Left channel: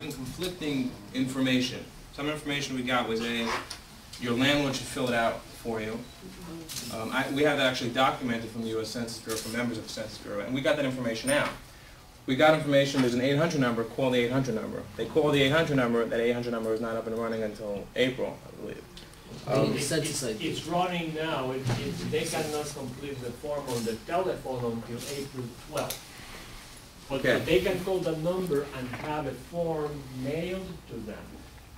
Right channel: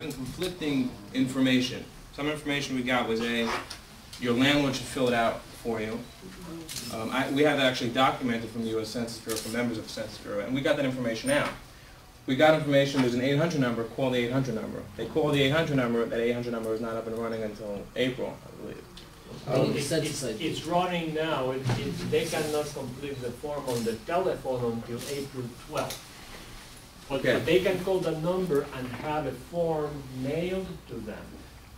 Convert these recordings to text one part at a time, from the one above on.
conflicting information. Some information we got was your landlord should fill it out for you. We have that actually documented from the U.S. Census Bureau, from members of the Census Bureau, and we got that information out. We got information, there's an 800 number, call the 800 number. They call the 800 number, that 800 number is not up and running until April, I believe. It's running now. They cannot complete the form on the telephone until April 12th. But Okay. they can call the number and have a form mailed to them.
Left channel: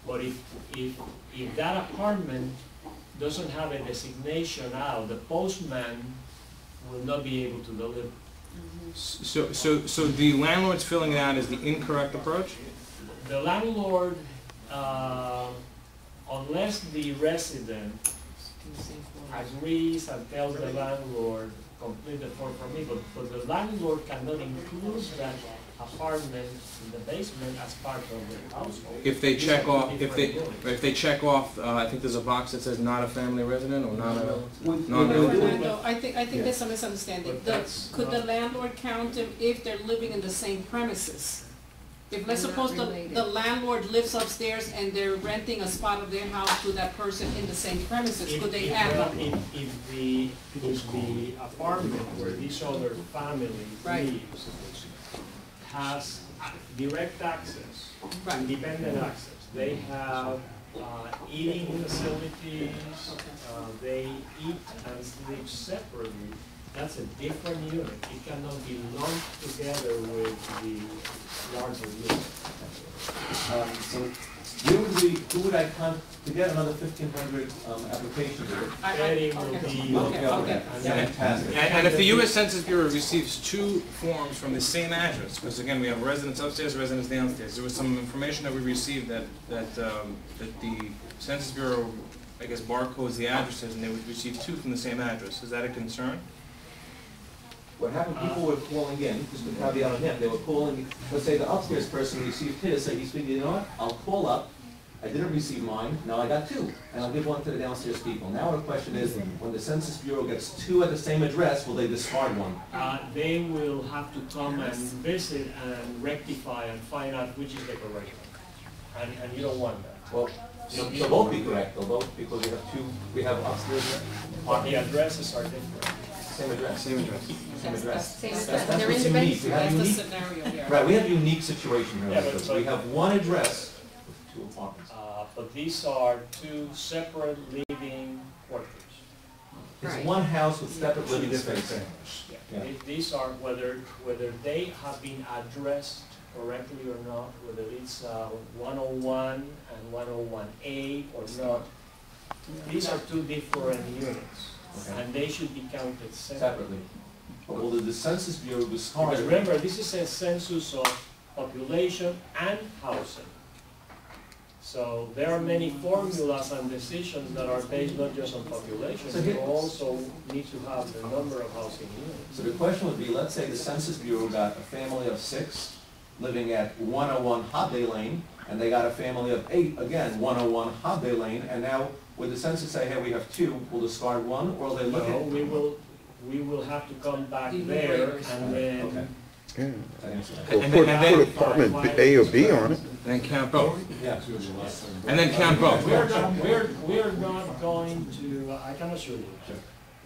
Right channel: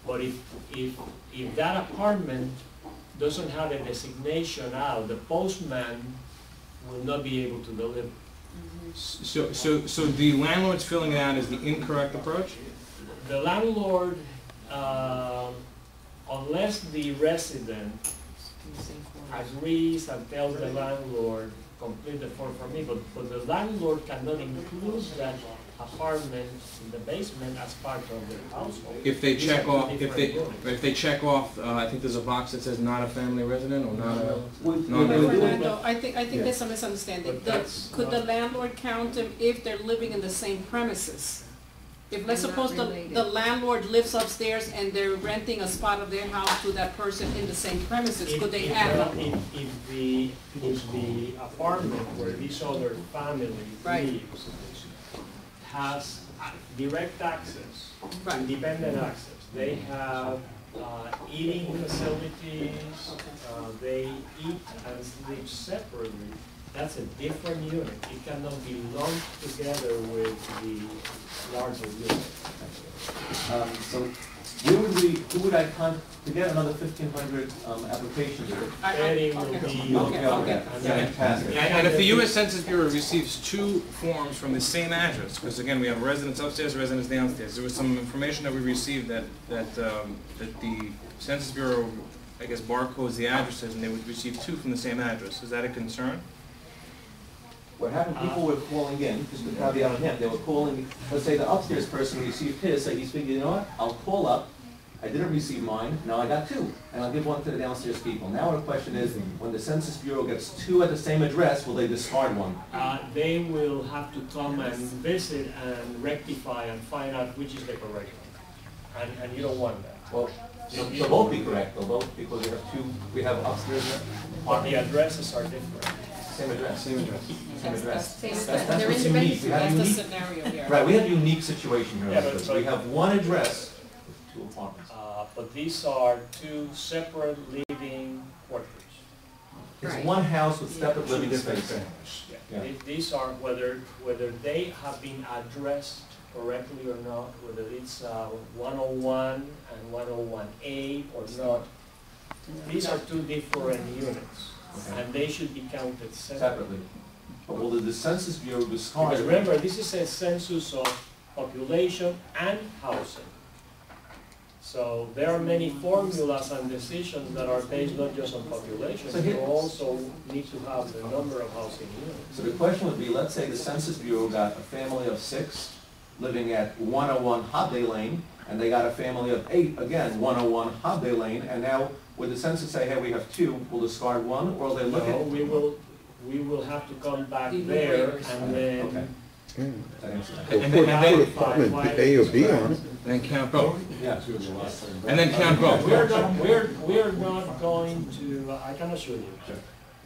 But if that apartment doesn't have a designation out, the postman will not be able to deliver. So the landlord's filling it out is the incorrect approach? The landlord, unless the resident agrees and tells the landlord, complete the form for me, but the landlord cannot include that apartment in the basement as part of the household. If they check off, I think there's a box that says not a family resident or not a non-resident. Fernando, I think there's a misunderstanding. Could the landlord count them if they're living in the same premises? If, let's suppose the landlord lives upstairs and they're renting a spot of their house to that person in the same premises, could they add up? If the apartment where this other family lives has direct access, independent access, they have eating facilities, they eat and sleep separately, that's a different unit. It cannot be lumped together with the larger unit. So who would I contact to get another 1,500 applications? Eddie will be Fantastic. And if the U.S. Census Bureau receives two forms from the same address, because again we have residents upstairs, residents downstairs, there was some information that we received that the Census Bureau, I guess, barcodes the addresses, and they would receive two from the same address. Is that a concern? What happened, people were calling in, just to caveat on him, they were calling, let's say the upstairs person received his, so he's thinking, you know what, I'll call up, I didn't receive mine, now I got two, and I'll give one to the downstairs people. Now the question is, when the Census Bureau gets two at the same address, will they discard one? They will have to come and visit and rectify and find out which is the correct one. And you don't want that. Well, they'll both be correct, they'll both, because we have two, we have upstairs there. But the addresses are different. Same address. Same address. Same address. That's what's unique. We have That's the unique. scenario here. Right, we have a unique situation here. Yeah, because we have one address with two apartments. But these are two separate living quarters. It's one house with separate living space. Yeah. These are whether they have been addressed correctly or not, whether it's 101 and 101A or not. These are two different units. Okay. And they should be counted Separately. But will the Census Bureau discard? Because remember, this is a census of population and housing. So there are many formulas and decisions that are based not just on population, So you also need to have the number of housing units. So the question would be, let's say the Census Bureau got a family of 6 living at 101 Hobday Lane, and they got a family of 8, again, 101 Hobday Lane, and now would the census say, hey, we have 2, we'll discard 1, or will they look No, at? we will have to come back there and then And put apartment A or B on it. then count both. Yeah. And then count both. we're not going to, I can assure you,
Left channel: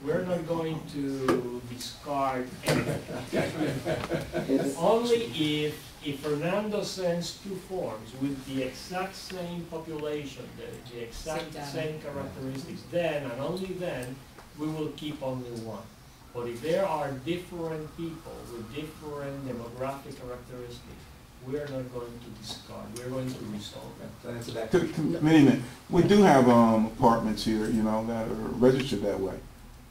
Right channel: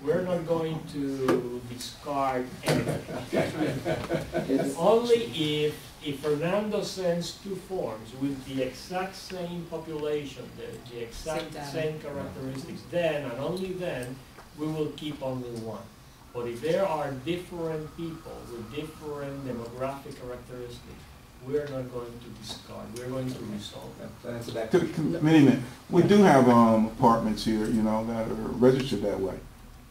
we're not going to discard anything. Only if Fernando sends 2 forms with the exact same population, the exact same characteristics, then and only then we will keep only 1. But if there are different people with different demographic characteristics, we are not going to discard. We're going to resolve that. Minnie, we do have apartments here, you know, that are registered that way.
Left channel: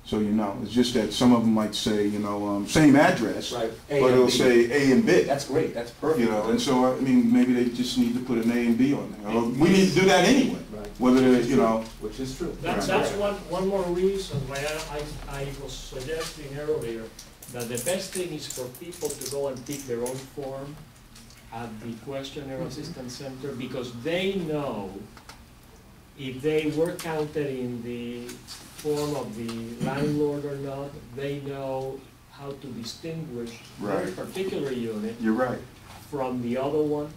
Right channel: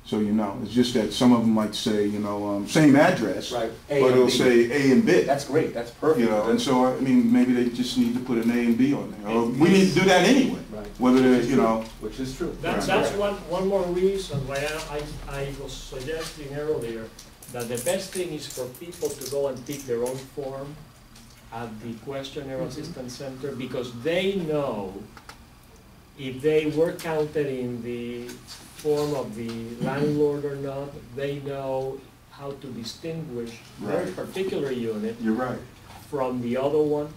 So, you know, it's just that some of them might say, you know, same address, Right. but it'll say A and B. That's great, that's perfect. You know, and so, I mean, maybe they just need to put an A and B on there. Or we need to do that anyway, Right. whether it's, you know. Which is true. That's one more reason why I was suggesting earlier that the best thing is for people to go and pick their own form at the questionnaire assistance center, because they know if they were counted in the form of the landlord or not, they know how to distinguish their particular unit You're right. from the other one,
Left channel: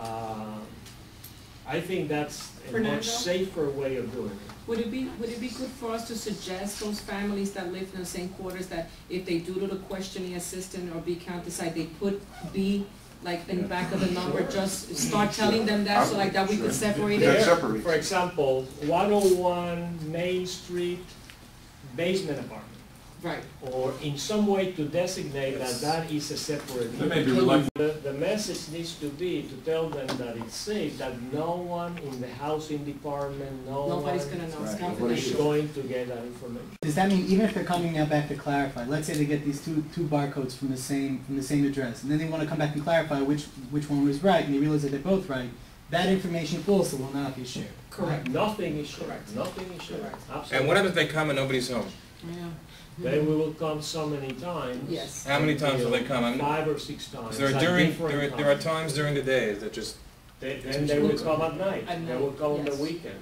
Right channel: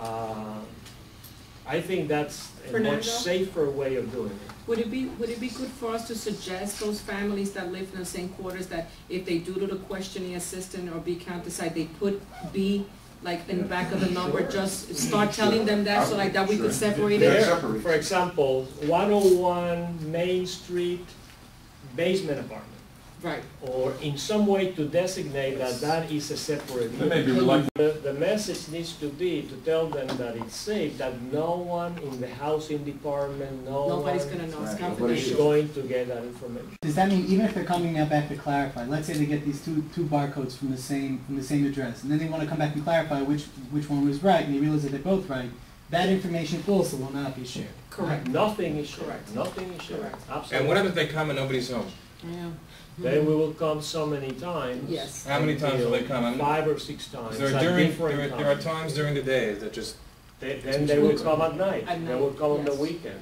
I think that's a Fernando? much safer way of doing it. Would it be good for us to suggest those families that live in the same quarters that if they do to the questioning assistant or B count decide they put B like in the back of the number, just start telling them that so like that we could separate Yeah, it? separate. For example, 101 Main Street basement apartment, Right. or in some way to designate that that is a separate They may be unit. reluctant. The message needs to be to tell them that it's safe, that no one in the housing department, Nobody's gonna know, it's Right. is confidential. going to get that information. Does that mean even if they're coming now back to clarify, let's say they get these two barcodes from the same address, and then they want to come back and clarify which one was right, and they realize that they're both right, that information also will not be shared. Correct. Nothing is shared, Correct. nothing is shared, Correct. absolutely. And what happens if they come and nobody's home? Yeah. Then we will come so many times. Yes. How many times will they come? I mean, 5 or 6 times. There at are different there are times during the day that just Then they will come at night. At They night, will come on the yes. weekend.